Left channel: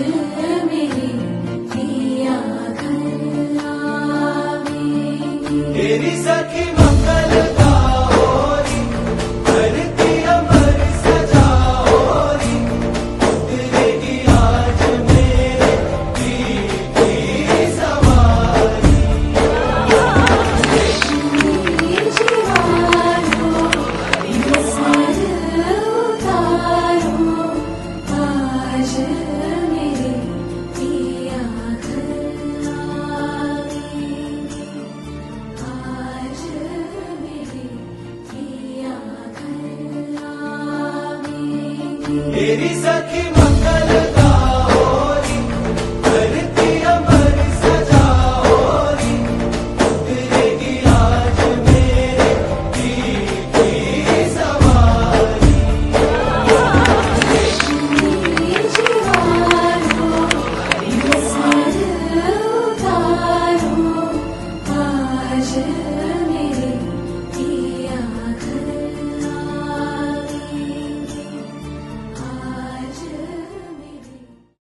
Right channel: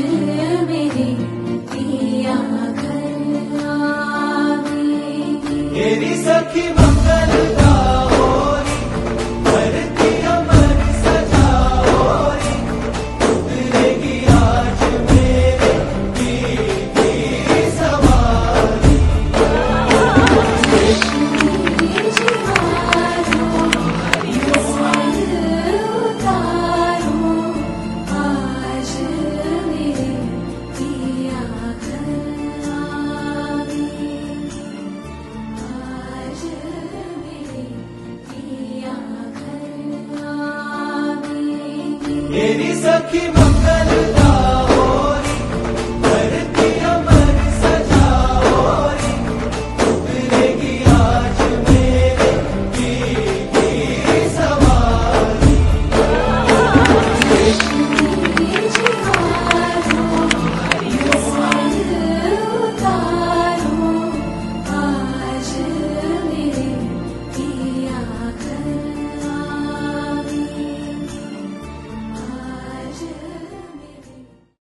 मेरे पिया घर आवे। तेरी सखी मंगल गाओरी, धरती अमर सजाओरी, उतरेगी आज मेरे की सवारी। तेरी सखी मंगल